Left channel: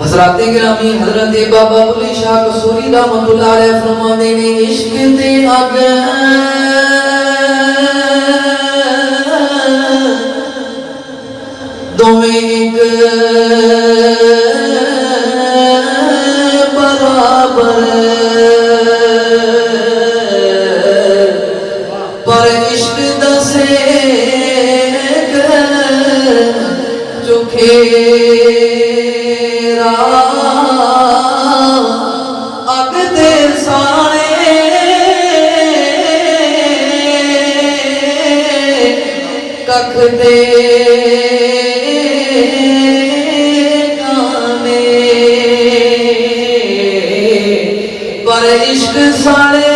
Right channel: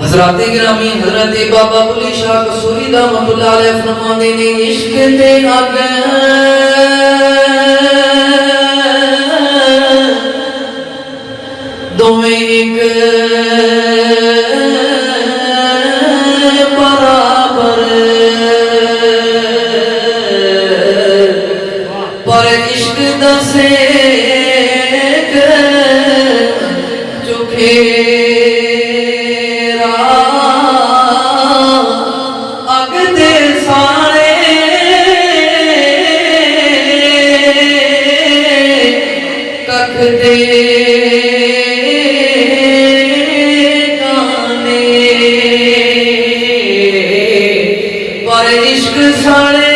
हजरत गिरामी हजरत बाबा बुल्ले शाह कसूरी रहमतुल्लाह अलैह फरमाते ने इश्क दे आगे दोवें एक बराबर पर इश्क दा सेक चुखेरा अग दे सारे कख दे गाने पर इश्क सारे